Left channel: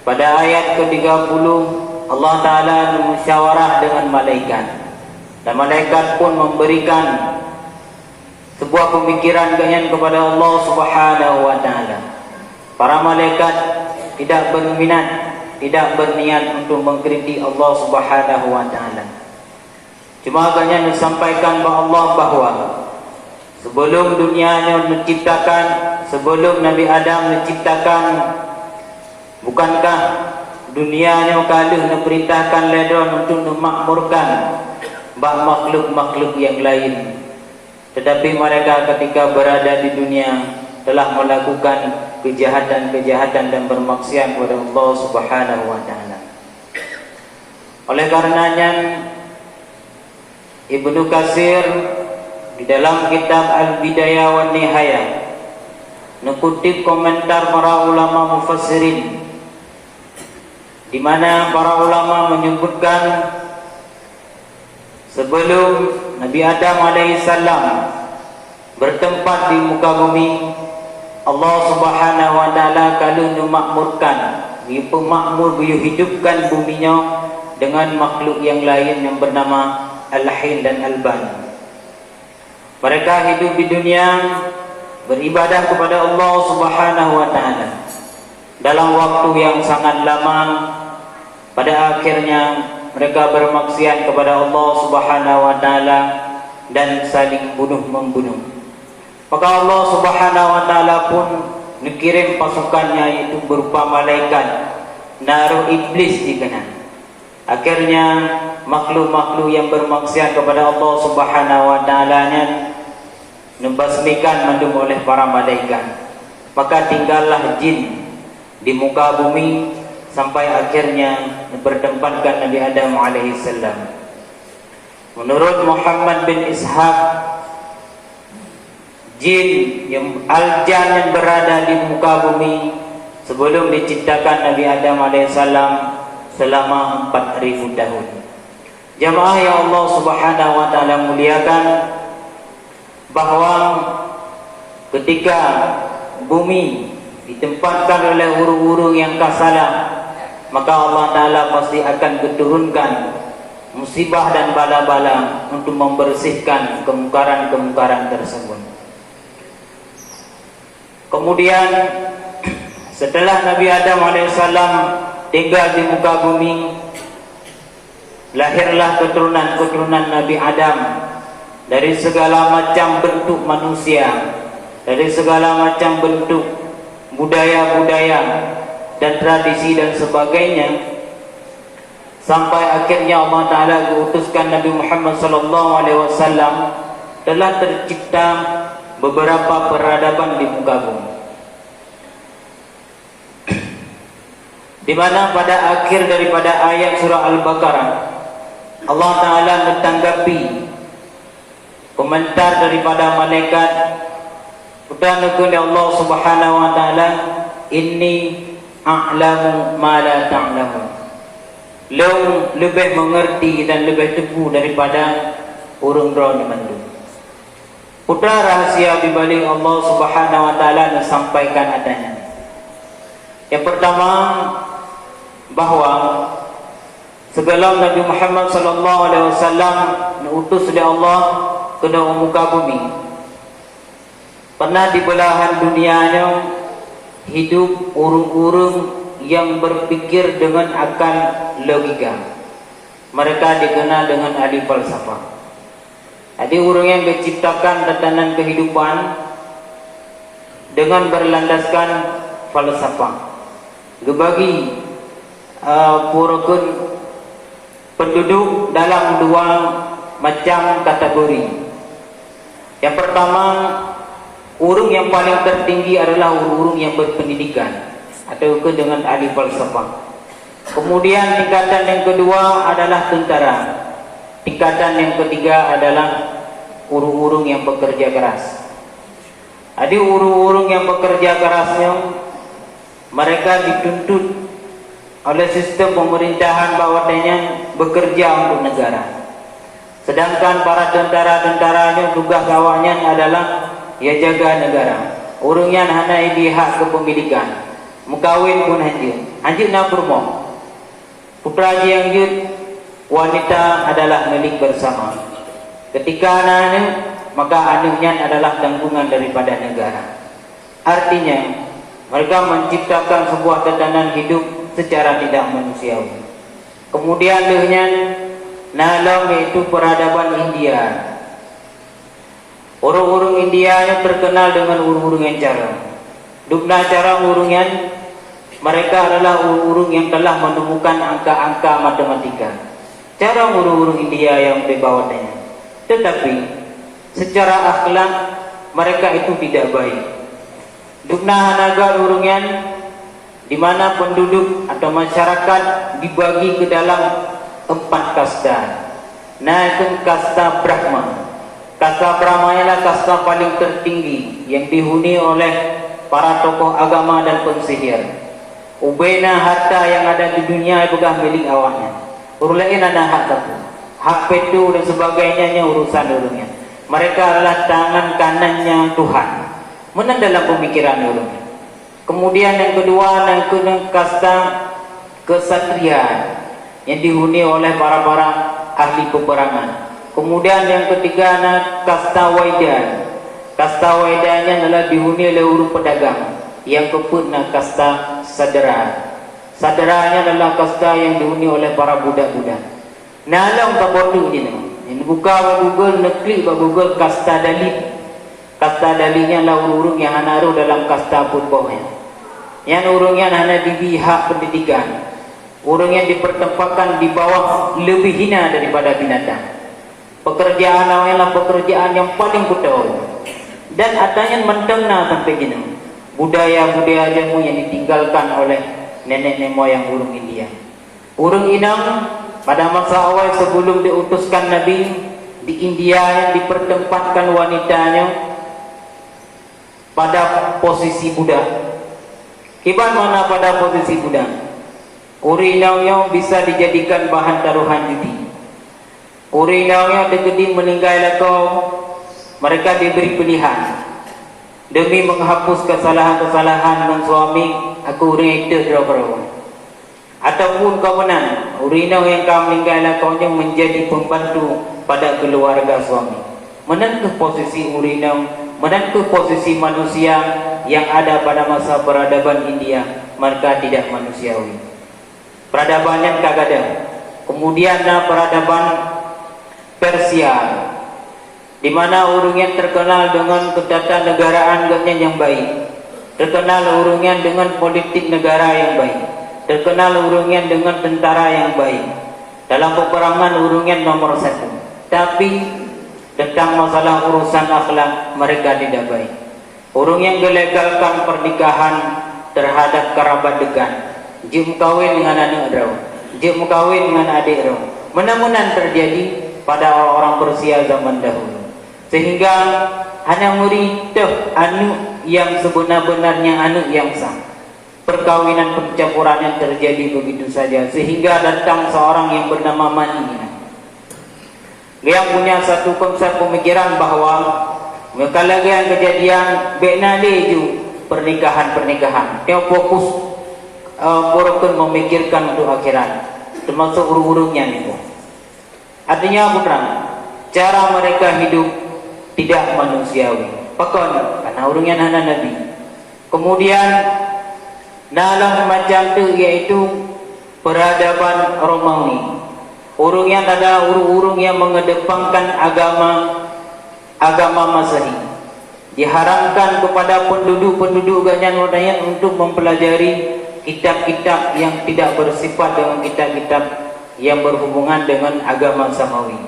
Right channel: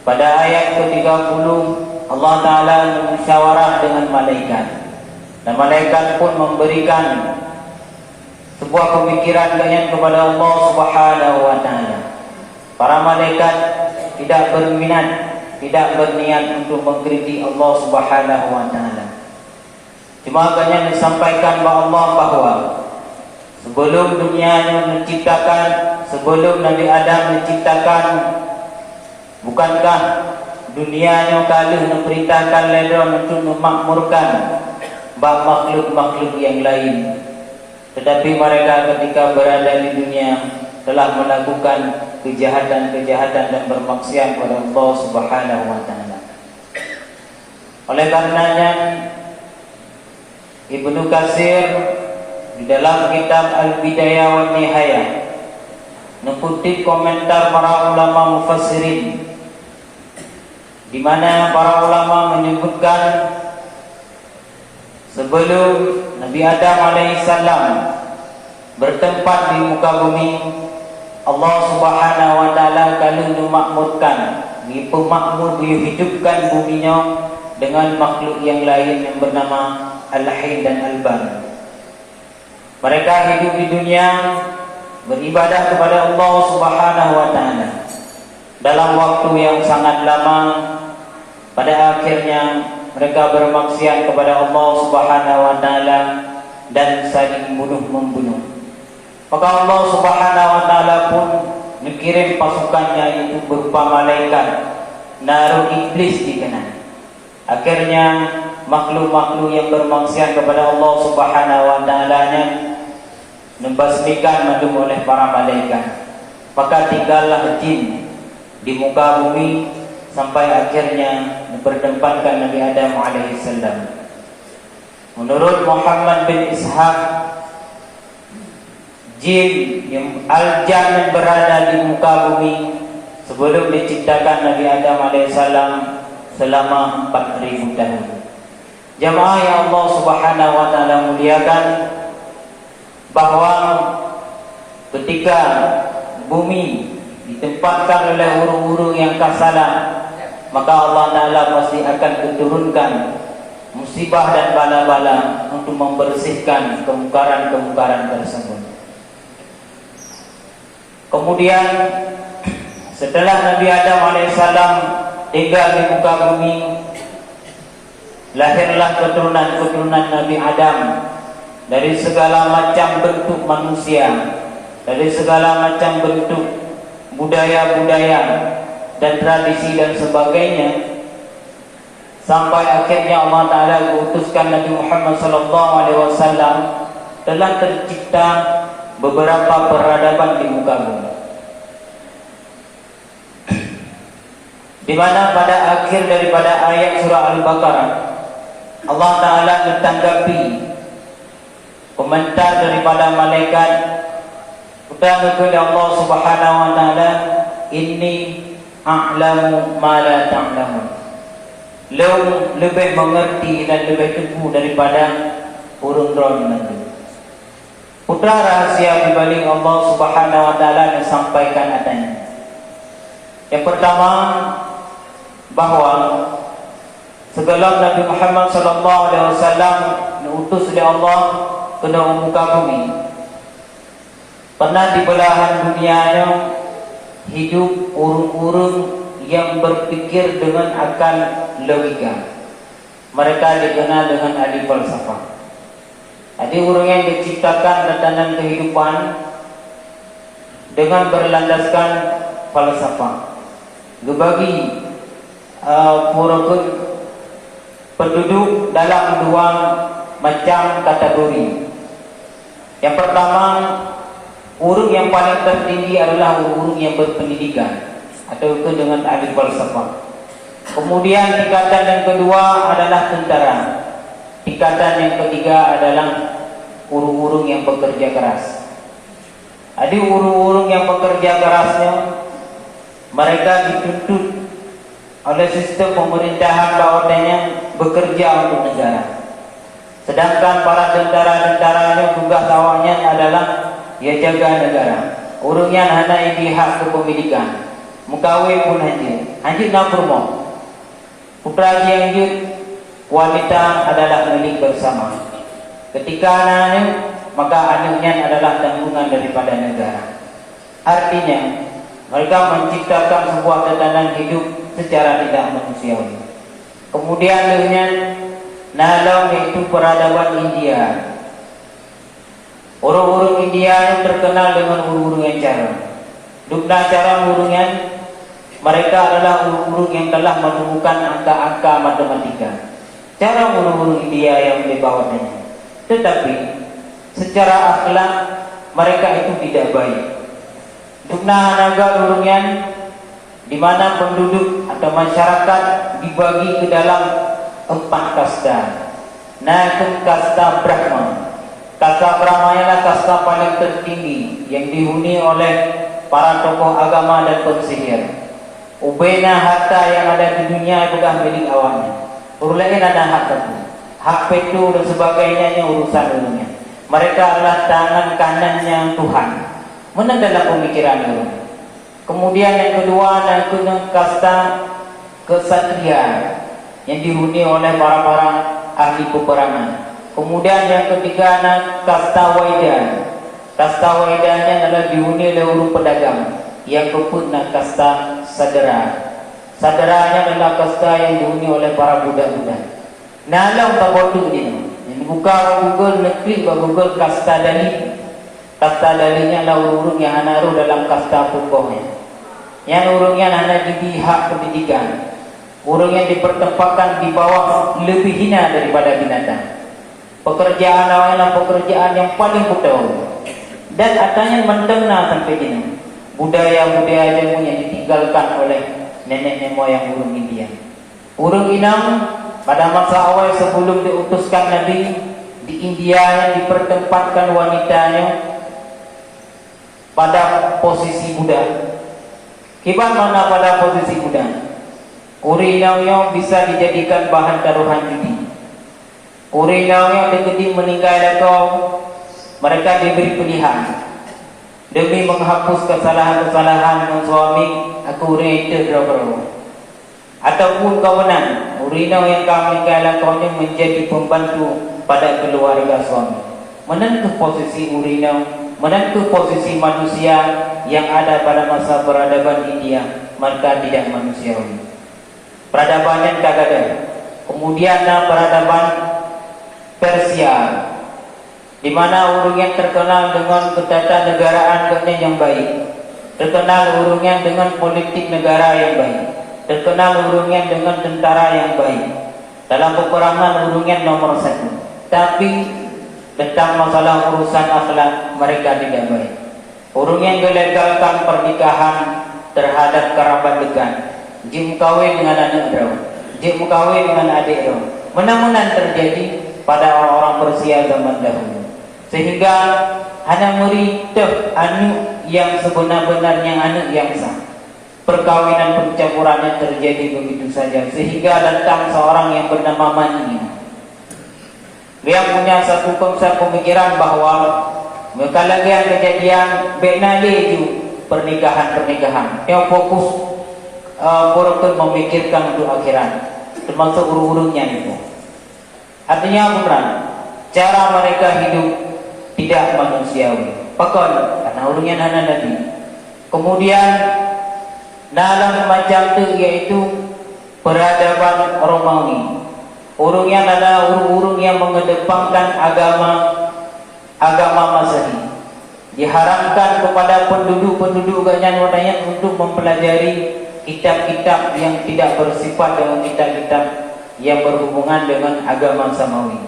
Pada ayat ke-30 Allah Ta'ala musyawarah dengan malaikat, dan malaikat pun memberikan sebuah pemikiran kepada Allah Subhanahu wa Ta'ala. Para malaikat tidak berminat, tidak berniat untuk mengkritik Allah Subhanahu wa Ta'ala. Cuma hanya disampaikan kepada Allah bahawa sebelum dunianya menciptakan, sebelum Nabi Adam menciptakan, bukankah dunianya kaluh memerintahkan ledron untuk memakmurkan makhluk-makhluk yang lain. Tetapi mereka ketika berada di dunia telah melakukan kejahatan-kejahatan dan bermaksiat kepada Allah Subhanahu wa Ta'ala. Oleh karenanya Ibnu Katsir di dalam kitab Al-Bidayah wa Nihayah mengutip komentar para ulama mufassirin, di mana para ulama menyebutkan sebelum Nabi Adam alaihissalam bertempat di muka bumi, Allah Subhanahu wa Ta'ala kalau memakmurkan, pemakmur menghidupkan buminya dengan makhluk yang lain yang bernama Al-Hin dan Al-Ban. Mereka hidup di dunia beribadah kepada Allah Subhanahu wa Ta'ala dalam waktu yang sangat lama. Pada akhirnya mereka bermaksiat kepada Allah Subhanahu wa Ta'ala dan saling membunuh. Maka Allah Subhanahu wa Ta'ala pun mengirim pasukannya, itu berupa malaikat, naruh iblis di kanan. Akhirnya makhluk-makhluk yang bermaksiat kepada Allah Subhanahu wa Ta'ala membasmikan mandum oleh para malaikat. Maka tinggallah jin di muka bumi sampai akhirnya bertempatkan Nabi Adam alaihissalam. Menurut Muhammad bin Ishaq, jin yang al-jan yang berada di muka bumi sebelum diciptakan Nabi Adam alaihissalam selama 4.000 tahun. Jamaah yang Allah Subhanahu wa Ta'ala muliakan, bahwa ketika bumi ditempatkan oleh urung-urung yang kasalah, maka Allah Ta'ala pasti akan keturunkan musibah dan bala-bala untuk membersihkan kemungkaran-kemungkaran tersebut. Kemudian setelah Nabi Adam alaihissalam tinggal di muka bumi, lahirlah keturunan-keturunan Nabi Adam dari segala macam bentuk manusia, dari segala macam bentuk budaya-budaya dan tradisi dan sebagainya, sampai akhirnya Allah Ta'ala mengutuskan Nabi Muhammad SAW. Telah tercipta beberapa peradaban di muka bumi, di mana pada akhir daripada ayat surah Al-Baqarah Allah Ta'ala menanggapi komentar daripada malaikat kepada Allah Subhanahu wa Ta'ala, inni a'lamu ma la ta'lamun. Lebih mengerti dan lebih teguh daripada urun-urun manusia. Putra rahasia di balik Allah Subhanahu wa Ta'ala disampaikan adanya. Yang pertama, bahwa sebelum Nabi Muhammad SAW diutus oleh Allah ke muka bumi, pernah di belahan dunianya hidup urung-urung yang berpikir dengan akal logika. Mereka dikenal dengan ahli falsafah. Jadi urung yang diciptakan tatanan kehidupan dengan berlandaskan falsafah. Gebagi penduduk dalam dua macam kategori. Yang pertama, urung yang paling tertinggi adalah urung yang berpendidikan atau dengan ahli falsafah. Kemudian tingkatan yang kedua adalah tentara. Tingkatan yang ketiga adalah urung-urung yang bekerja keras. Jadi urung-urung yang bekerja kerasnya, mereka dituntut oleh sistem pemerintahan bahwasanya bekerja untuk negara. Sedangkan para tentara-tentaranya tugas awalnya adalah ya jaga negara. Urungnya hanya pihak kepemilikan. Mengkawin pun hajut nak bermoh. Putra yang hajut, wanita adalah milik bersama. Ketika anak, maka anaknya adalah tanggungan daripada negara. Artinya, mereka menciptakan sebuah tatanan hidup secara tidak manusiawi. Kemudian dengan Nalong yaitu peradaban India. Orang-orang India yang terkenal dengan urung-urung yang cara. Dukna cara urungan, mereka adalah urung-urung yang telah menemukan angka-angka matematika. Cara urung-urung India yang dibawanya. Tetapi secara akhlak mereka itu tidak baik. Dukna hanaga urungan, di mana penduduk atau masyarakat dibagi ke dalam 4 kasta. Naikun kasta Brahma. Kasta Brahma ialah kasta paling tertinggi yang dihuni oleh para tokoh agama dan pensihir. Ubena harta yang ada di dunia bukan milik awaknya. Orang lain ada hak tentu. Hak petu dan sebagainya yang urusan urungnya. Mereka adalah tangan kanannya Tuhan. Mana dalam pemikiran urungnya. Kemudian yang kedua naikun kasta kesatria yang dihuni oleh para ahli peperangan. Kemudian yang ketiga kasta waidan. Kasta waidannya adalah dihuni oleh orang pedagang. Yang keempat kasta sadera. Saderanya adalah kasta yang dihuni oleh para budak-budak. Nalang tak bodoh ni. Ini buka Google, neklik ke Google kasta dalil. Kasta dalilnya adalah urung yang naruh dalam kasta pokoknya. Yang urungnya hanya di pihak pendidikan. Orang yang dipertempatkan di bawah lebih hina daripada binatang. Pekerjaan adalah pekerjaan yang paling kotor. Dan adanya mentengah sampai gini. Budaya-budaya jamu yang ditinggalkan oleh nenek moyang urung India. Urung Inang pada masa awal sebelum diutuskan Nabi di India yang dipertempatkan wanitanya pada posisi budak. Kiban mana pada posisi budak? Urinau bisa dijadikan bahan taruhan judi. Urinau dekedi meninggal atau mereka diberi pilihan demi menghapus kesalahan-kesalahan suami. Aku urin itu berapa? Ataupun kawanan urinau yang kami meninggal menjadi pembantu pada keluarga suami. Menentu posisi urinau, menentu posisi manusia yang ada pada masa peradaban India, mereka tidak manusiawi. Peradaban yang kagada. Kemudian peradaban Persia, di mana urungnya terkenal dengan ketatanegaraan yang baik, terkenal urungnya dengan politik negara yang baik, terkenal urungnya dengan tentara yang baik. Dalam peperangan urungnya nomor 1. Tapi tentang masalah urusan akhlak mereka tidak baik. Urung yang melegalkan pernikahan terhadap kerabat dekat. Jim kawin dengan anak rau, jim kawin dengan adik rau. Mana-mana terjadi pada orang Persia zaman dahulu. Sehingga hanya merintah anak yang sebenar-benarnya anak yang sah. Perkawinan percampurannya terjadi begitu saja. Sehingga datang seorang yang bernama Mani. Dia punya satu konsep pemikiran bahawa mereka lagi yang kejadian benade ju pernikahan-pernikahan. Dia fokus orang memikirkan untuk akhirat, termasuk urung-urungnya itu. Artinya bukan cara mereka hidup tidak manusiawi. Pakon karena urungnya hana Nabi. Kemudian dalam macam itu yaitu peradaban Romawi. Urungnya adalah urung-urung yang mengedepankan agama Masehi. Diharamkan kepada penduduk-penduduk ganyan wadaya untuk mempelajari kitab-kitab yang tidak bersifat dengan kitab-kitab yang berhubungan dengan agama samawi.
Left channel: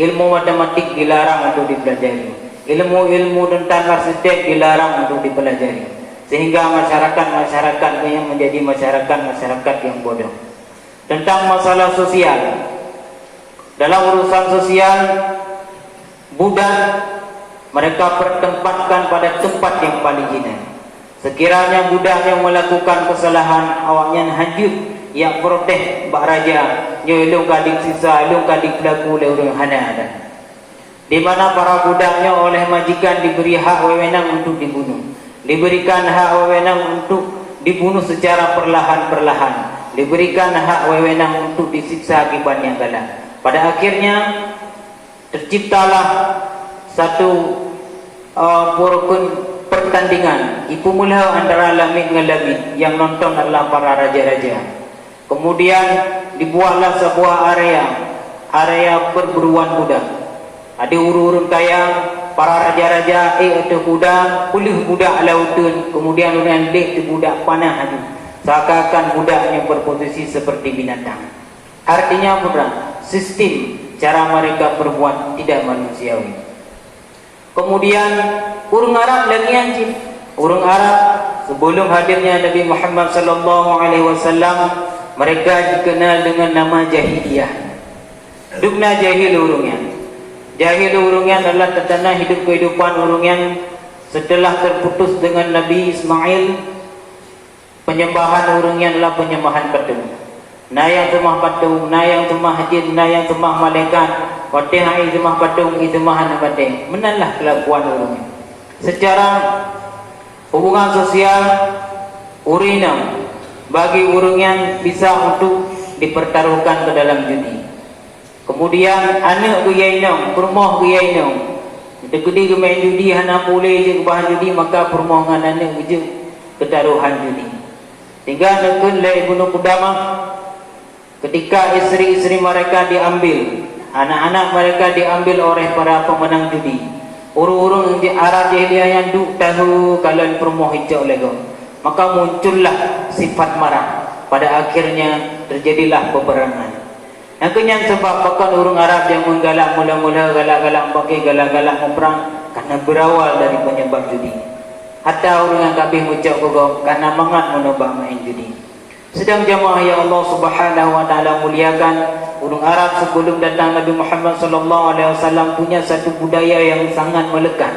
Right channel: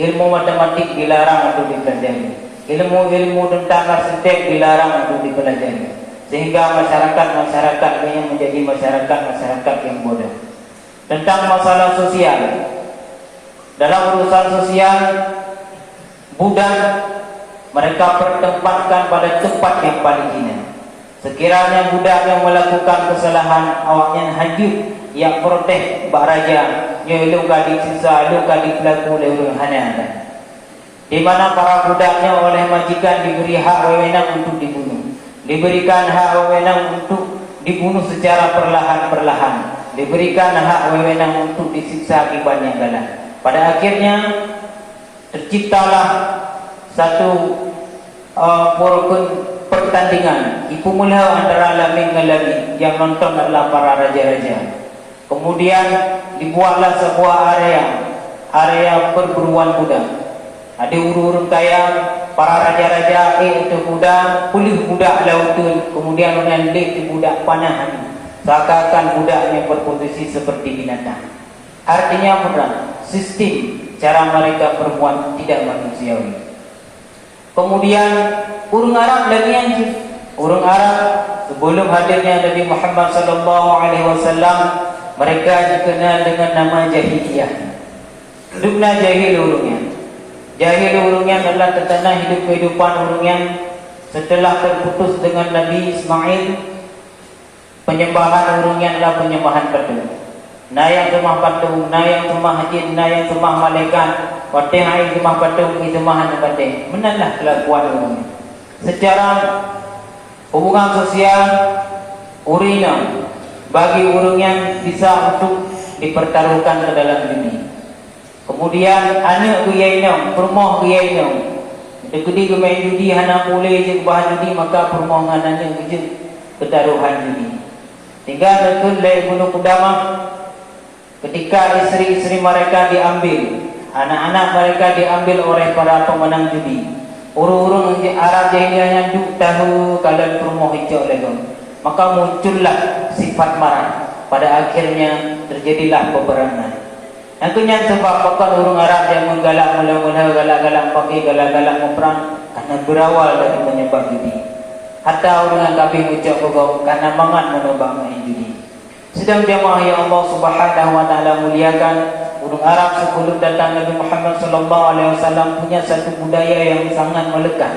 Ilmu matematik dilarang untuk dipelajari. Ilmu-ilmu tentang arsitek dilarang untuk dipelajari. Sehingga masyarakat yang menjadi masyarakat yang bodoh. Tentang masalah sosial. Dalam urusan sosial, budak mereka pertempatkan pada tempat yang paling hina. Sekiranya budak yang melakukan kesalahan, awaknya hajut yang protes bak raja, dia lu kali sisa, lu kali pelaku le hana. Di mana para budaknya oleh majikan diberi hak wewenang untuk dibunuh, diberikan hak wewenang untuk dibunuh secara perlahan-perlahan, diberikan hak wewenang untuk disiksa akibatnya galak. Pada akhirnya terciptalah satu pertandingan ipu mula antara lamin dengan lamin, yang nonton adalah para raja-raja. Kemudian dibuatlah sebuah area perburuan budak. Ada urun-urun kaya, para raja-raja itu budak, pulih budak lautun, kemudian menandek di budak panah itu. Seakan-akan budak yang berposisi seperti binatang. Artinya bukan sistem cara mereka berbuat tidak manusiawi. Kemudian urang Arab lagi anjing. Urang Arab sebelum hadirnya Nabi Muhammad sallallahu alaihi wasallam, mereka dikenal dengan nama jahiliyah. Hidupnya jahil urungnya. Jahil urungnya adalah tentang hidup kehidupan urungnya setelah terputus dengan Nabi Ismail. Penyembahan urungnya adalah penyembahan patung. Nayang sembah patung, nayang sembah jin, nayang sembah malaikat, watihai sembah patung, sembah patung. Menanlah kelakuan urungnya. Secara hubungan sosial, urina bagi urung yang bisa untuk dipertaruhkan ke dalam judi. Kemudian anak guyainam, permoh guyainam. Degedi ke main judi, hana boleh je ke bahan judi, maka permoh dengan anak je ketaruhan judi. Tinggal nekun lai bunuh kudamah, ketika isteri-isteri mereka diambil, anak-anak mereka diambil oleh para pemenang judi. Urung-urung Arab jahiliyah yang duk tahu kalau permoh hijau lego, maka muncullah sifat marah. Pada akhirnya terjadilah peperangan. Yang kenyang sebab bahkan urung Arab yang menggalak mula-mula galak-galak pakai galak-galak memperang karena berawal dari penyebab judi. Hatta orang yang kafir ucap kau karena mangat menebak main judi. Sedang jamaah yang Allah Subhanahu wa taala muliakan, urung Arab sebelum datang Nabi Muhammad sallallahu alaihi wasallam punya satu budaya yang sangat melekat.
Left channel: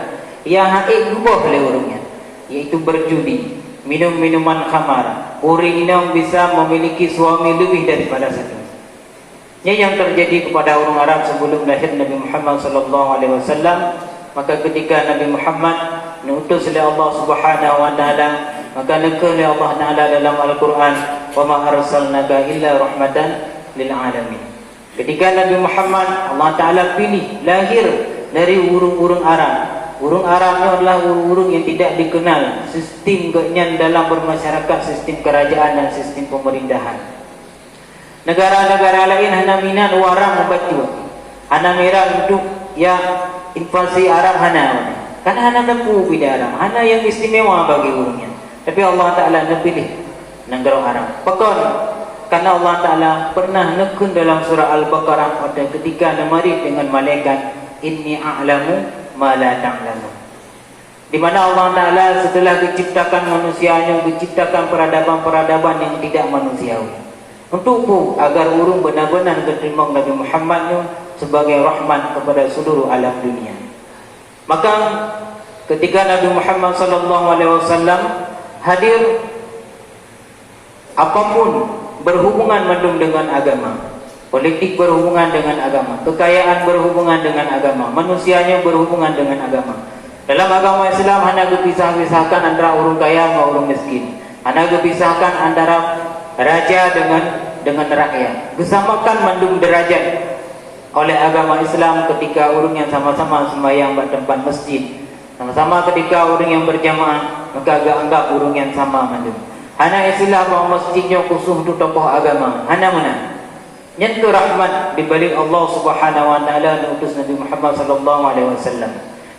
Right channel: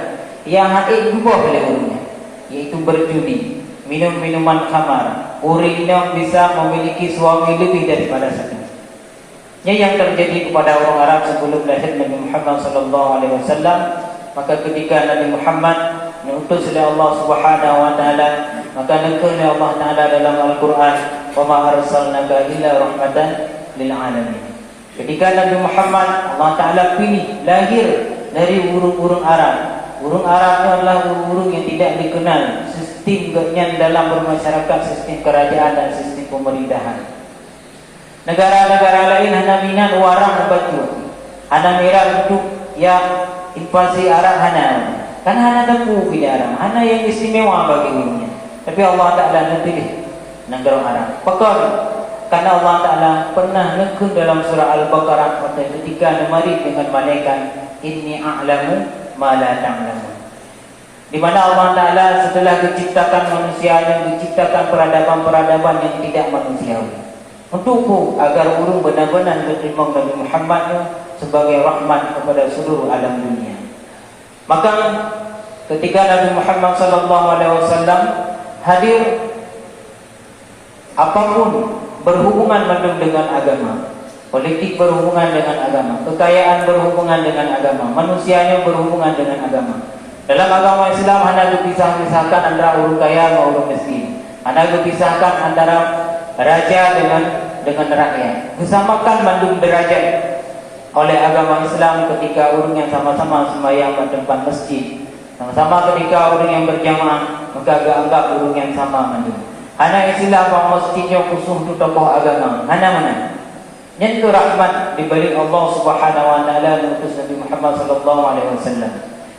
Yang hati berubah oleh urungnya, yaitu berjudi, minum minuman khamar. Orang bisa memiliki suami lebih daripada satu. Ini yang terjadi kepada orang Arab sebelum lahir Nabi Muhammad sallallahu alaihi wasallam. Maka ketika Nabi Muhammad diutus oleh Allah Subhanahu wa taala, maka dikatakan oleh Allah Taala dalam Al-Qur'an, "Wa ma arsalnaka illa rahmatan lil alamin." Ketika Nabi Muhammad Allah Taala pilih lahir dari urung-urung Arab. Urung Arab itu adalah urung yang tidak dikenal sistem kenyang dalam bermasyarakat, sistem kerajaan dan sistem pemerintahan. Negara-negara lain hanya minat warang batu, hanya merah untuk ya invasi Arab karena hanya tempuh bidara, hanya yang istimewa bagi urungnya. Tapi Allah Taala pilih negara Arab. Bahkan karena Allah Taala pernah nekun dalam surah Al-Baqarah pada ketika nemari dengan malaikat, inni a'lamu ma la ta'lamun. Di mana Allah Taala setelah menciptakan manusianya, menciptakan peradaban-peradaban yang tidak manusiawi. Untuk agar urung benar-benar terima Nabi Muhammad sebagai rahmat kepada seluruh alam dunia. Maka ketika Nabi Muhammad sallallahu alaihi wasallam hadir, apapun berhubungan dengan agama, politik berhubungan dengan agama, kekayaan berhubungan dengan agama, manusianya berhubungan dengan agama. Dalam agama Islam hanya dipisah-pisahkan antara orang kaya dan orang miskin. Hanya dipisahkan antara raja dengan rakyat. Disamakan mandum derajat oleh agama Islam ketika orang yang sama-sama sembahyang di tempat masjid, sama-sama ketika orang yang berjamaah, maka agak anggap orang yang sama mandum. Hanya istilah bahawa masjidnya khusus untuk tokoh agama. Hanya mana? Nyentuh rahmat dibalik Allah Subhanahu wa taala dan utus Nabi Muhammad sallallahu alaihi wasallam.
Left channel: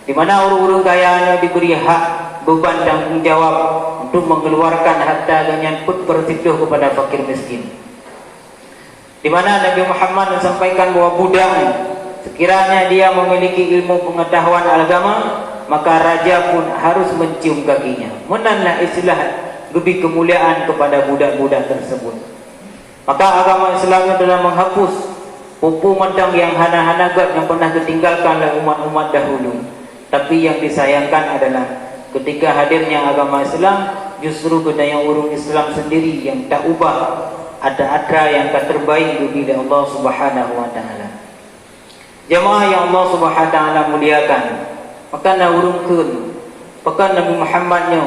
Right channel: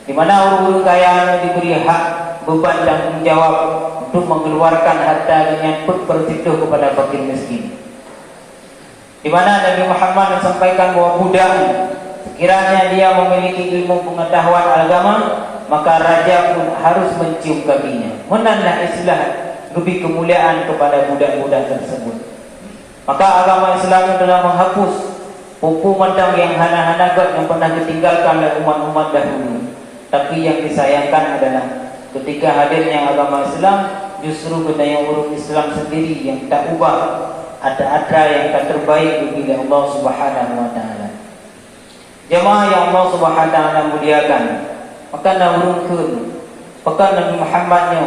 Di mana orang-orang kaya yang diberi hak beban tanggung jawab untuk mengeluarkan harta dan nyangkut bertiduh kepada fakir miskin. Di mana Nabi Muhammad menyampaikan bahwa budak sekiranya dia memiliki ilmu pengetahuan agama, maka raja pun harus mencium kakinya. Menanlah istilah lebih kemuliaan kepada budak-budak tersebut. Maka agama Islam telah menghapus hukuman yang hana-hana yang pernah ditinggalkan oleh umat-umat dahulu. Tapi yang disayangkan adalah ketika hadirnya agama Islam, justru budaya orang Islam sendiri yang tak ubah, ada yang tak terbaik bagi Allah Subhanahu wa taala. Jemaah yang Allah Subhanahu wa taala muliakan, maka urungkeun pekan Nabi Muhammadnya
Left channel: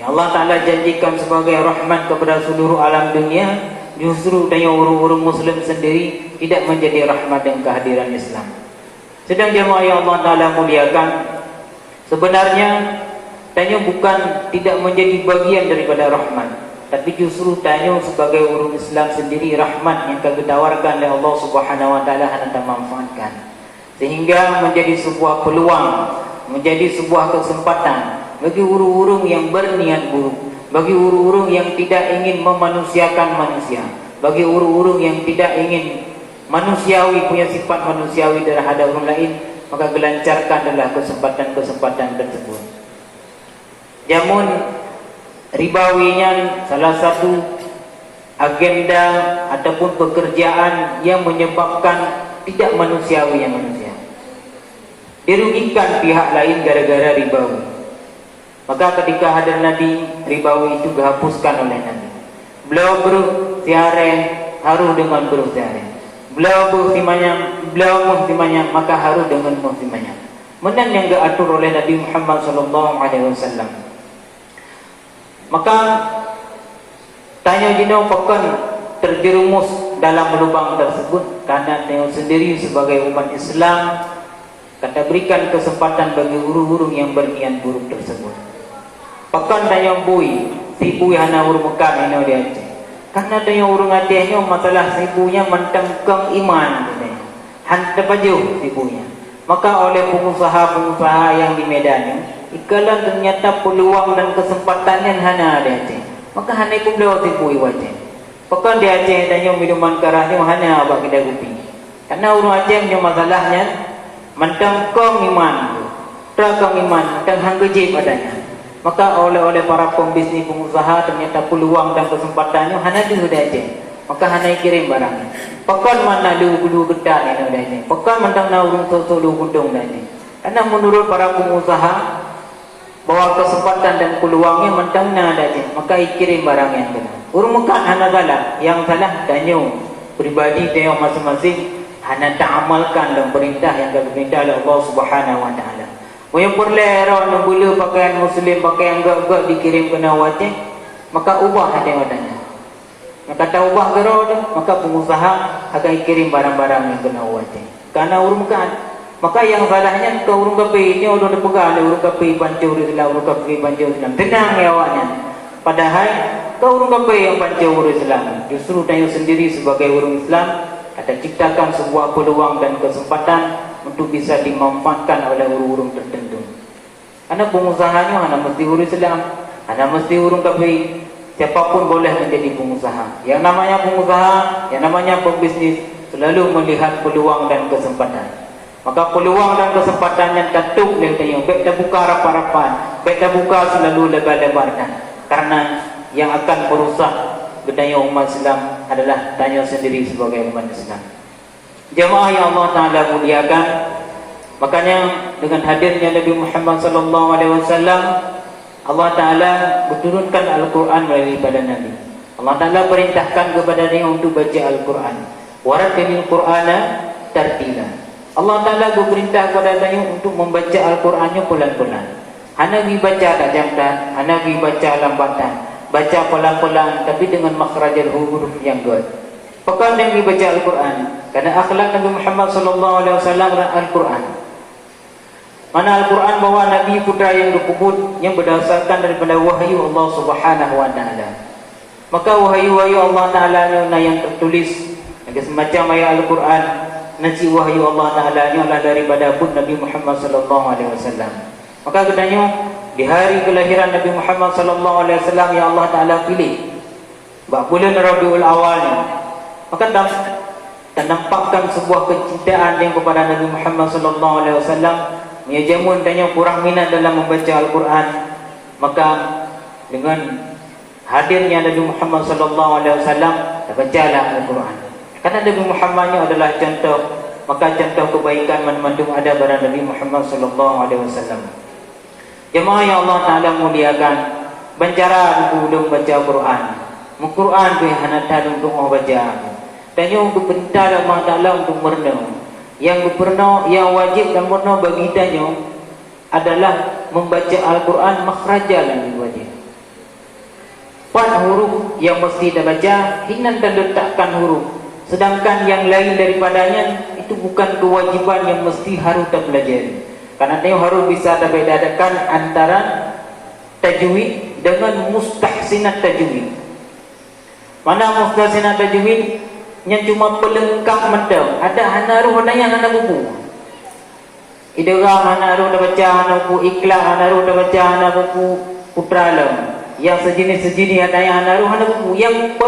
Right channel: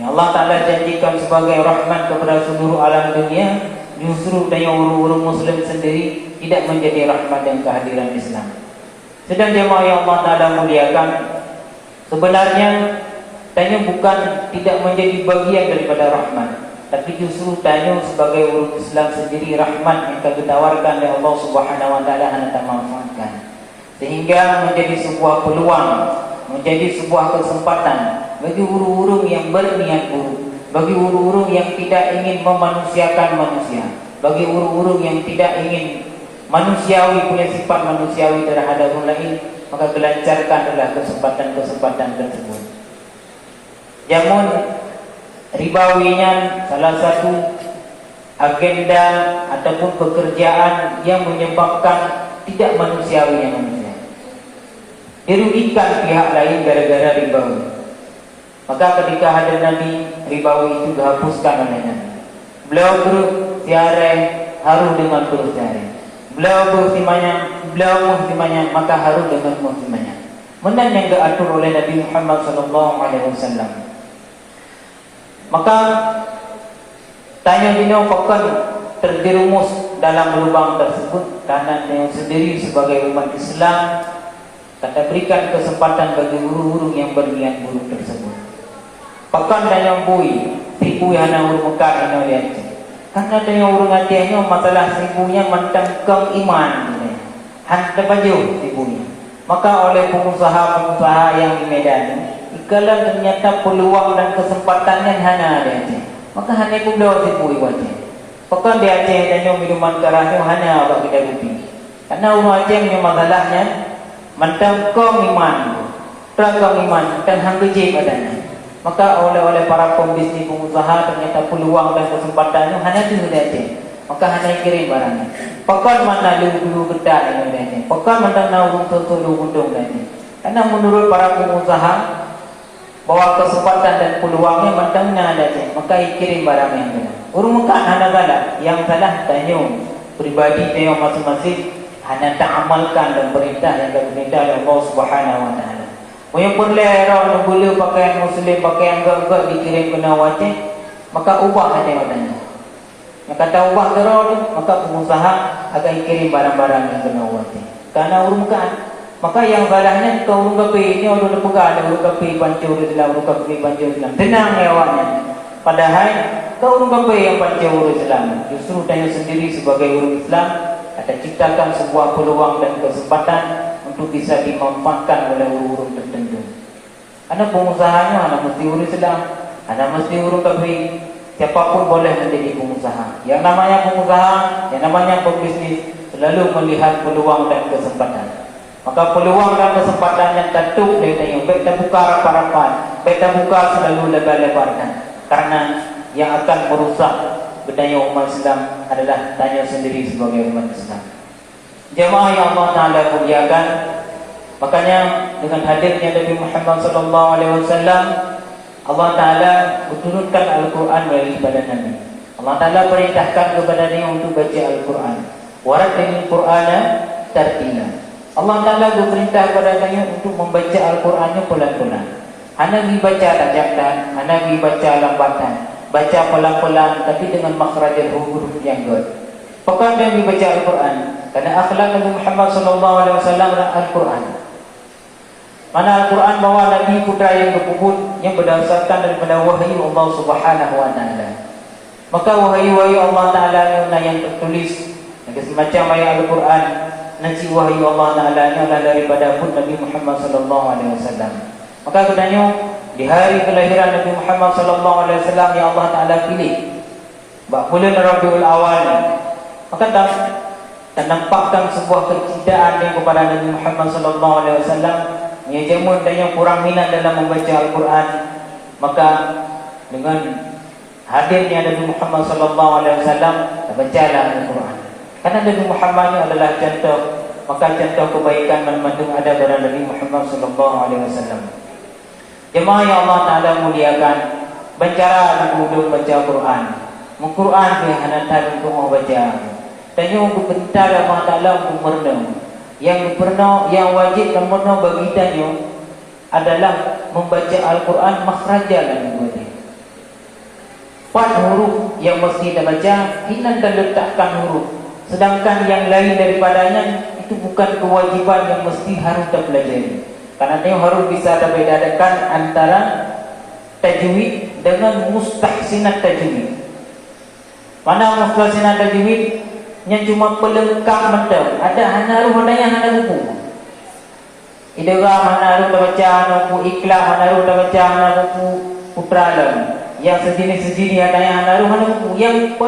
yang Allah Ta'ala janjikan sebagai rahmat kepada seluruh alam dunia, justru tanya orang-orang Muslim sendiri tidak menjadi rahmat dan kehadiran Islam. Sedang jemaah yang Allah Ta'ala muliakan, sebenarnya tanya bukan tidak menjadi bagian daripada rahmat, tapi justru tanya sebagai orang Islam sendiri rahmat yang ditawarkan oleh Allah Subhanahu Wa Ta'ala hendak manfaatkan, sehingga menjadi sebuah peluang, menjadi sebuah kesempatan bagi urung-urung yang berniat buruk, bagi urung-urung yang tidak ingin memanusiakan manusia, bagi urung-urung yang tidak ingin manusiawi, punya sifat manusiawi terhadap orang lain, maka gelancarkanlah kesempatan-kesempatan tersebut. Jamun ribawinya salah satu agenda ataupun pekerjaan yang menyebabkan tidak manusiawinya manusia, dirugikan pihak lain gara-gara ribawi. Maka ketika hadir Nabi, ribawi itu dihapuskan oleh Nabi. Beliau bersiaran haru dengan bersiaran. Beliau muhtimanya maka haru dengan muhtimanya. Menan yang diatur oleh Nabi Muhammad SAW. Maka tanya dino pekan terjerumus dalam lubang tersebut karena dia sendiri sebagai umat Islam kata berikan kesempatan bagi guru-guru yang berniat buruk tersebut. Pakan dayang bui, sibu yang hana urmukan ino dia. Karena dayang urung hatinya masalah sibunya mentangkang iman, hantar baju sibunya. Maka oleh pengusaha-pengusaha yang di Medan, ikalah ternyata peluang dan kesempatannya hana ada. Maka hana itu beliau sibui wajah. Pakan dia Aceh dayang minuman kerahnya hana abak kita rupi. Karena urung Aceh punya masalahnya mentangkang iman, terangkang iman dan hanggeji padanya. Maka oleh para pembisnis pengusaha ternyata peluang dan kesempatannya hanya itu sudah aja. Maka hanya kirim barangnya. Pakan mana dulu getar ini aja. Pakan mentang naurung tertulu gunung aja. Karena menurut para pengusaha bahwa kesempatan dan peluangnya mentang ada aja. Maka kirim barangnya. Urung mekan hanya salah. Yang salah tanya pribadi tanya masing-masing hanya tak amalkan dan perintah yang diperintah oleh Allah Subhanahu Wa Taala. Yang perlera nak gula pakaian Muslim, pakaian gak-gak dikirim ke nawatnya, maka ubah hati wadana. Maka tak ubah gerau ni, maka pengusaha akan kirim barang-barang yang ke nawatnya. Karena urungkan, maka yang salahnya kau urung kapi ini orang pegang, urung kapi pancur Islam, urung kapi pancur Islam. Tenang ya awaknya. Padahal kau urung kapi yang pancur Islam. Justru tanya sendiri sebagai urung Islam, ada ciptakan sebuah peluang dan kesempatan untuk bisa dimanfaatkan oleh urung-urung tertentu. Karena pengusahanya hanya mesti urung Islam, hanya mesti urung kafir. Siapapun boleh menjadi pengusaha. Yang namanya pengusaha, yang namanya pembisnis selalu melihat peluang dan kesempatan. Maka peluang dan kesempatan yang tertutup dia tanya, baik kita buka rapat-rapat, baik kita buka selalu lebar-lebarkan. Karena yang akan merusak budaya umat Islam adalah tanya sendiri sebagai umat Islam. Jemaah yang Allah Ta'ala muliakan, makanya dengan hadirnya Nabi Muhammad SAW, Allah Ta'ala menurunkan Al-Quran melalui pada Nabi. Allah Ta'ala perintahkan kepada dia untuk baca Al-Quran. Warattilil Qur'ana tartila. Allah Ta'ala berperintah kepada dia untuk membaca Al-Qurannya pelan-pelan. Hana dibaca tajamkan, hana dibaca lambatan, baca pelan-pelan tapi dengan makhrajal huruf yang good. Pokoknya yang dibaca Al-Quran. Karena akhlak Nabi Muhammad SAW adalah Al-Quran. Mana Al-Quran bahawa Nabi putra yang berkubut yang berdasarkan daripada wahyu Allah Subhanahu Wa Taala. Maka wahyu-wahyu Allah Taala yang tertulis semacam ayat Al-Quran, nanti wahyu Allah Taala adalah daripada pun Nabi Muhammad SAW. Maka katanya di hari kelahiran Nabi Muhammad SAW yang Allah Taala pilih bulan Rabiul Awal, maka ternampakkan sebuah kecintaan yang kepada Nabi Muhammad SAW. Ya jamun tanya kurang minat dalam membaca Al-Quran, maka dengan hadirnya Nabi Muhammad SAW, bacalah Al-Quran. Karena Nabi Muhammad adalah contoh, maka contoh kebaikan mana-mana ada pada Nabi Muhammad SAW. Jemaah yang Allah Ta'ala muliakan, bancara untuk baca Al-Quran. Al-Quran tu yang hantar untuk membaca. Tanya untuk perintah Allah Ta'ala untuk merenung. Yang berpernah, yang wajib dan pernah bagi tanya adalah membaca Al-Quran makhrajal yang wajib. 4 huruf yang mesti kita baca, hinan dan letakkan huruf. Sedangkan yang lain daripadanya itu bukan kewajiban yang mesti harus kita pelajari. Karena tengok harus bisa kita bedakan antara tajwid dengan mustahsinat tajwid. Mana mustahsinat tajwid? Yang cuma pelengkap mata. Ada hanaruh, ada yang hana buku. Idgham hanaruh dah baca, hana buku Ikhlas hanaruh dah baca, hana buku Putra Alam. Yang sejenis-sejenis ada yang hanaruh, hana buku. Yang